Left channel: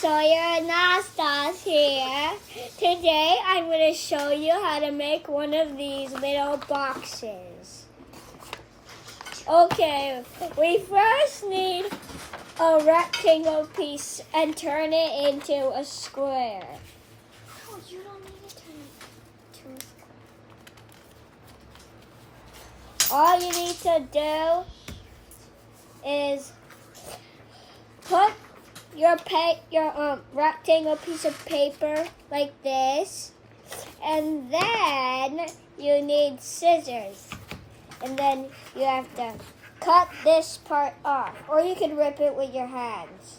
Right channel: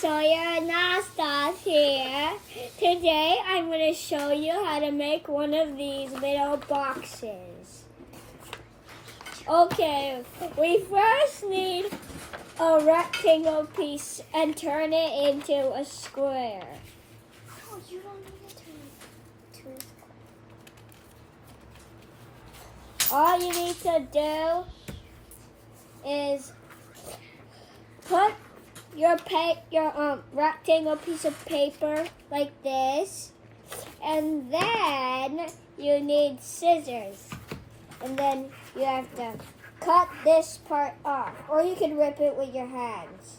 Sawyer and Nasta's here. Today I'm going to show you how to make one of these little boxes. Okay, we first need a rectangle piece and turn it into a square. Oh, you don't need it to. All you need to do is put your rectangle piece of paper like this, and then you need scissors, and then you have to cut this part off, or you can rip it with your hands.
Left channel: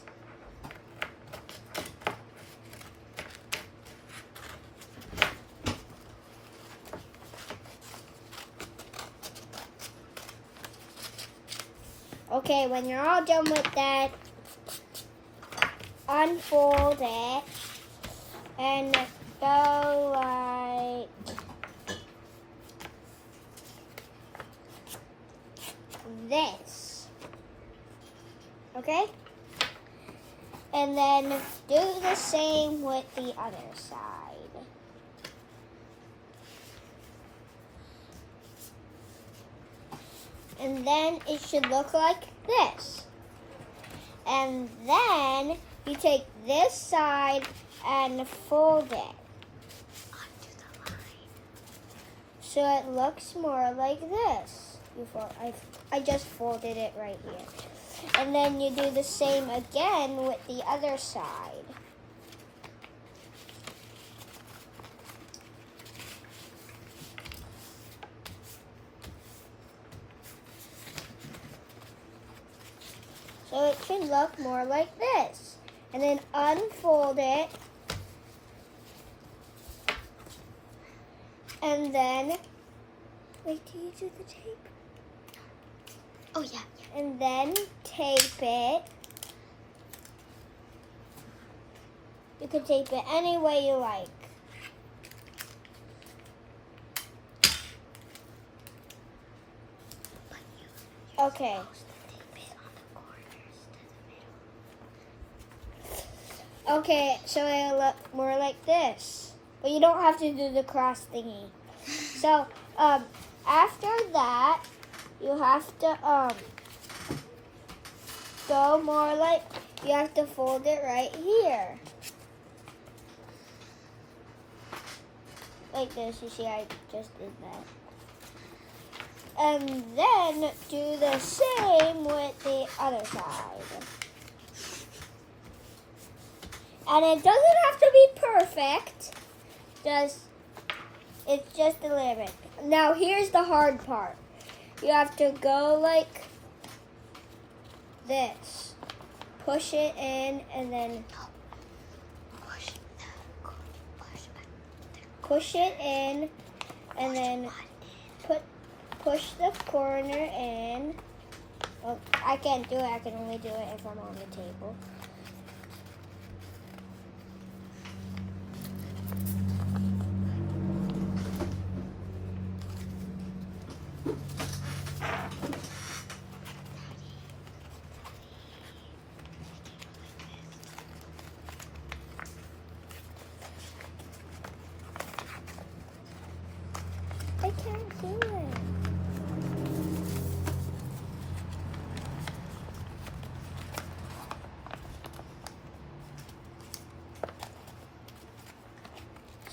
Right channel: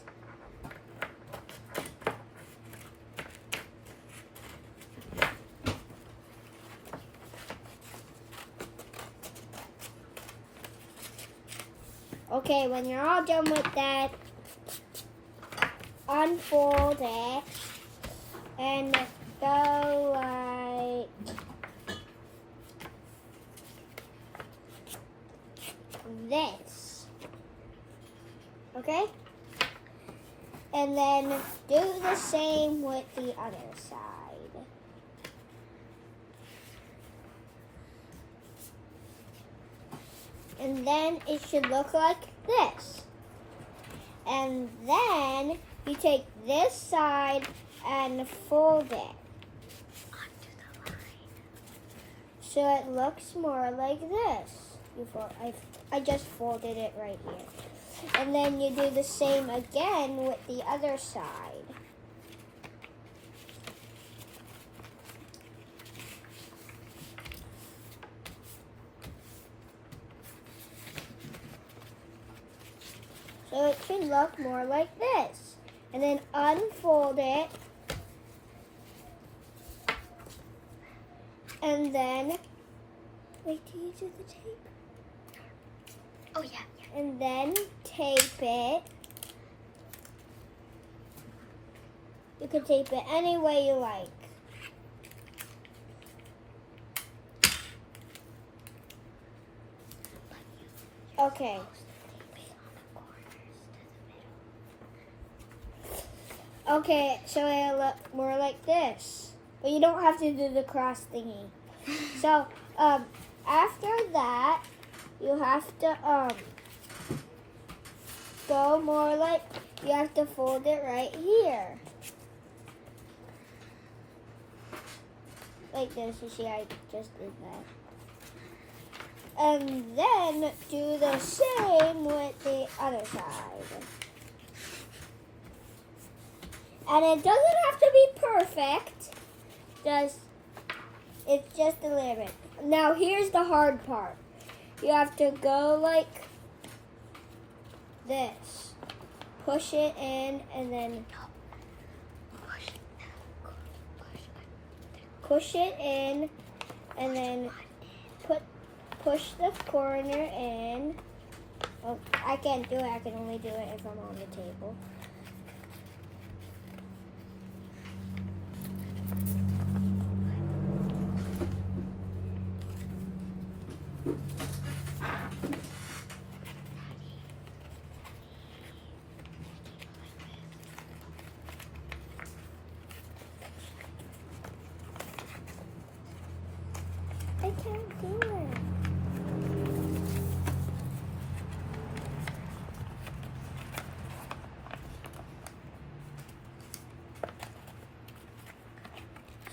Okay, when you're all done with that, unfold it and go like this. Okay? And then do the same with the other side. And then it should look like this. And then you take this side and fold it. So it looks more like this. I just folded it right here. And then you do the same again with the other side. So it should look more like this. And then unfold it. And then, wait, do you do the tape? Oh, yeah. And then tape it. You can tape it any way you like. Okay. Okay, so it'll look more like this. But you don't have to do the cross thingy. So, after that, you have to, go more like, you have to fold it right here. Like this, you see I just did that. And then do the same with the other side. And it doesn't have to be perfect. It's just a little bit. Now here's the hard part. You have to go like this. Push it in and then push it in and then push the corner in. Well, I can't do it. I can only do it if I'm on the table. I can't do it.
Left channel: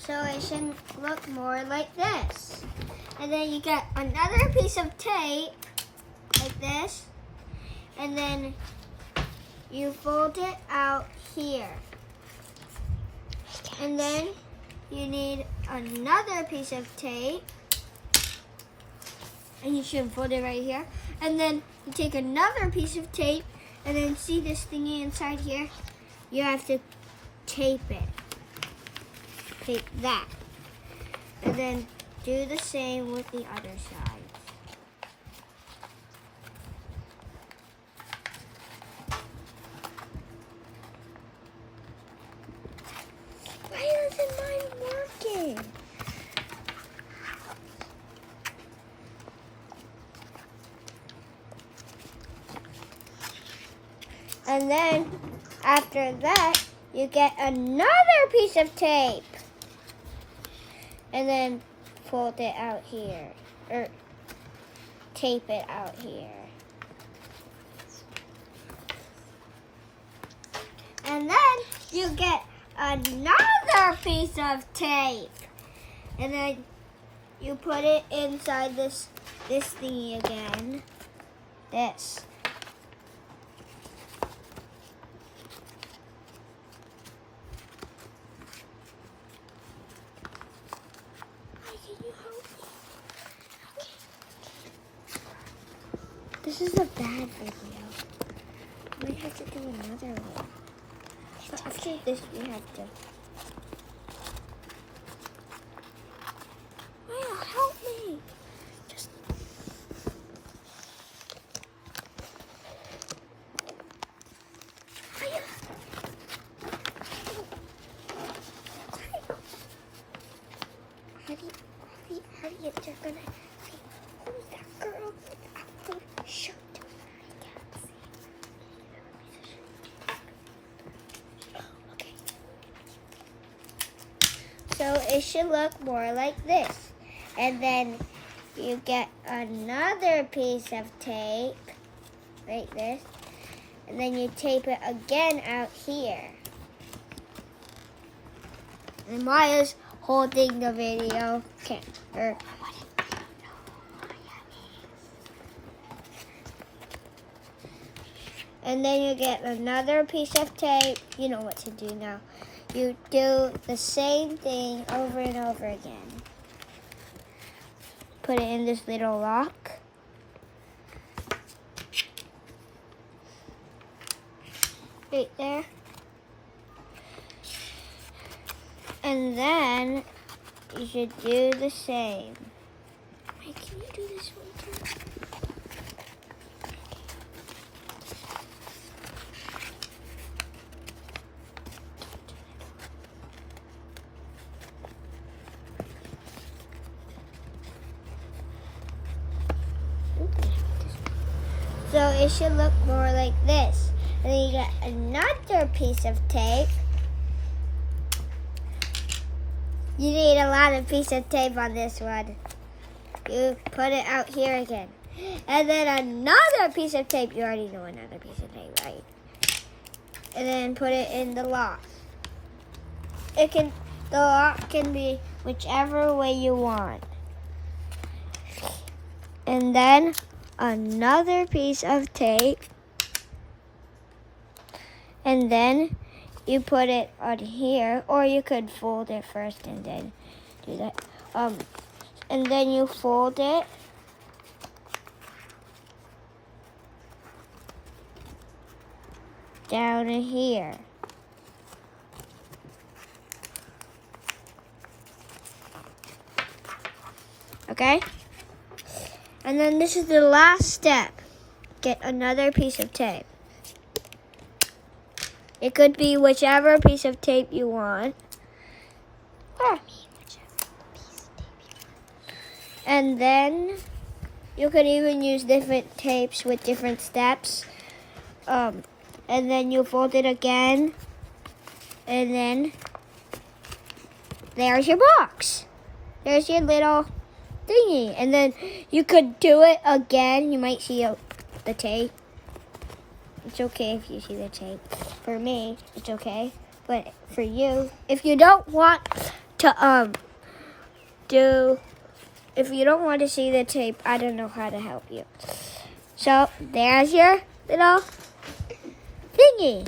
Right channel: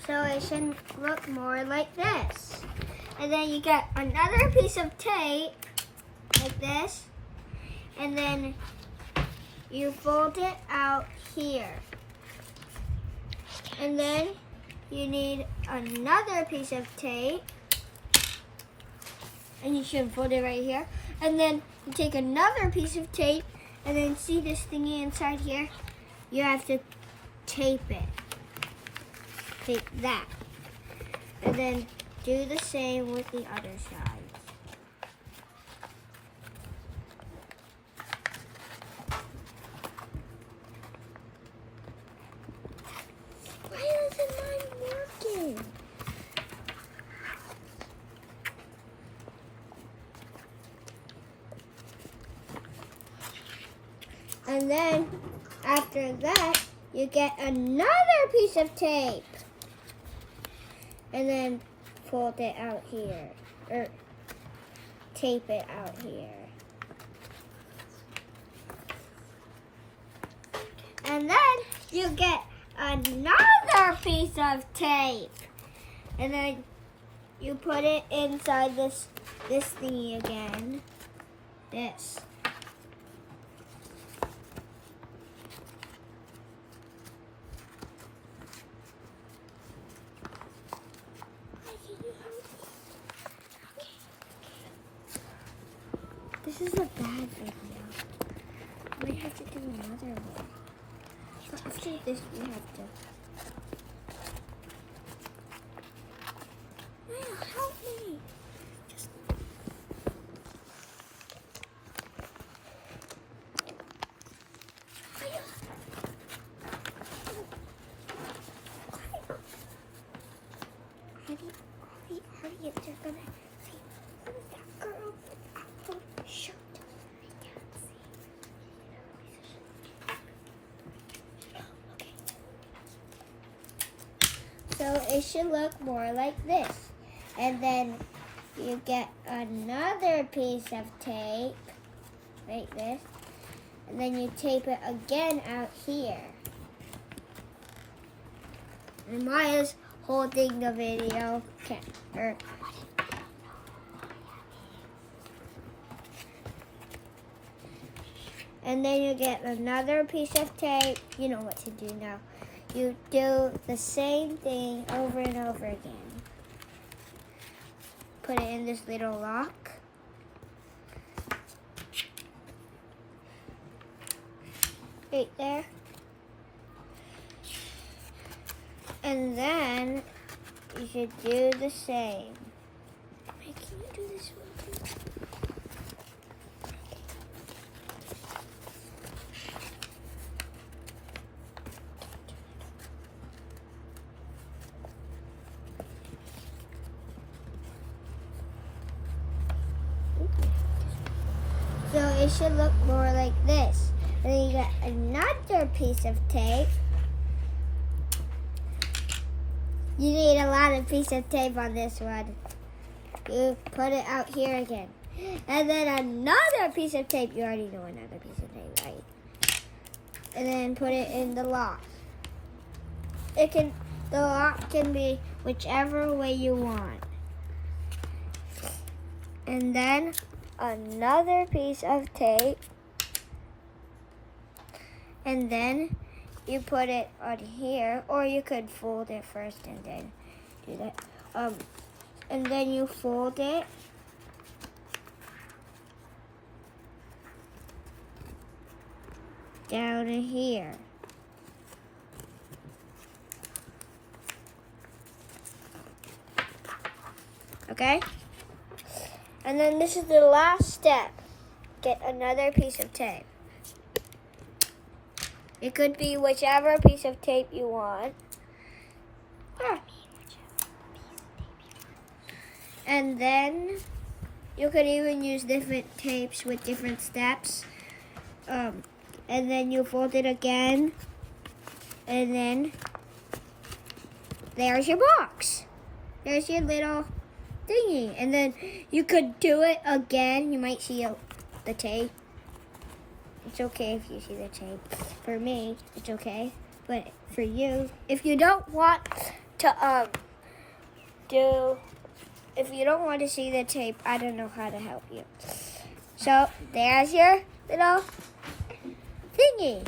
So it should look more like this. And then you get another piece of tape like this. And then you fold it out here. And then you need another piece of tape. And you should fold it right here. And then you take another piece of tape, and then see this thingy inside here? You have to tape it. Tape that. And then do the same with the other side. Why isn't mine working? And then after that, you get another piece of tape. And then fold it out here. Or tape it out here. And then you get another piece of tape. And then you put it inside this thingy again. This. This is a bad video. I might have to do another one. But after this, we have to. Wow, help me! Just. Hurry, they're gonna say, who's that girl with the shirt? Okay. So it should look more like this. And then you get another piece of tape, like this. And then you tape it again out here. And Maya's holding the video camera. And then you get another piece of tape. You know what to do now. You do the same thing over and over again. Put it in this little lock. Right there. And then you should do the same. Wait, can you do this one too? So it should look more like this. And then you get another piece of tape. You need a lot of piece of tape on this one. You put it out here again. And then another piece of tape. You already know another piece of tape, right? And then put it in the lock. The lock can be whichever way you want. And then another piece of tape. And then you put it on here, or you could fold it first and then do that. And then you fold it. Down in here. Okay? And then this is the last step. Get another piece of tape. It could be whichever piece of tape you want. And then you could even use different tapes with different steps. And then you fold it again. And then there's your box. There's your little thingy. And then you could do it again. You might see the tape. It's okay if you see the tape. For me, it's okay. But for you, if you don't want to if you don't want to see the tape, I don't know how to help you. So there's your little thingy.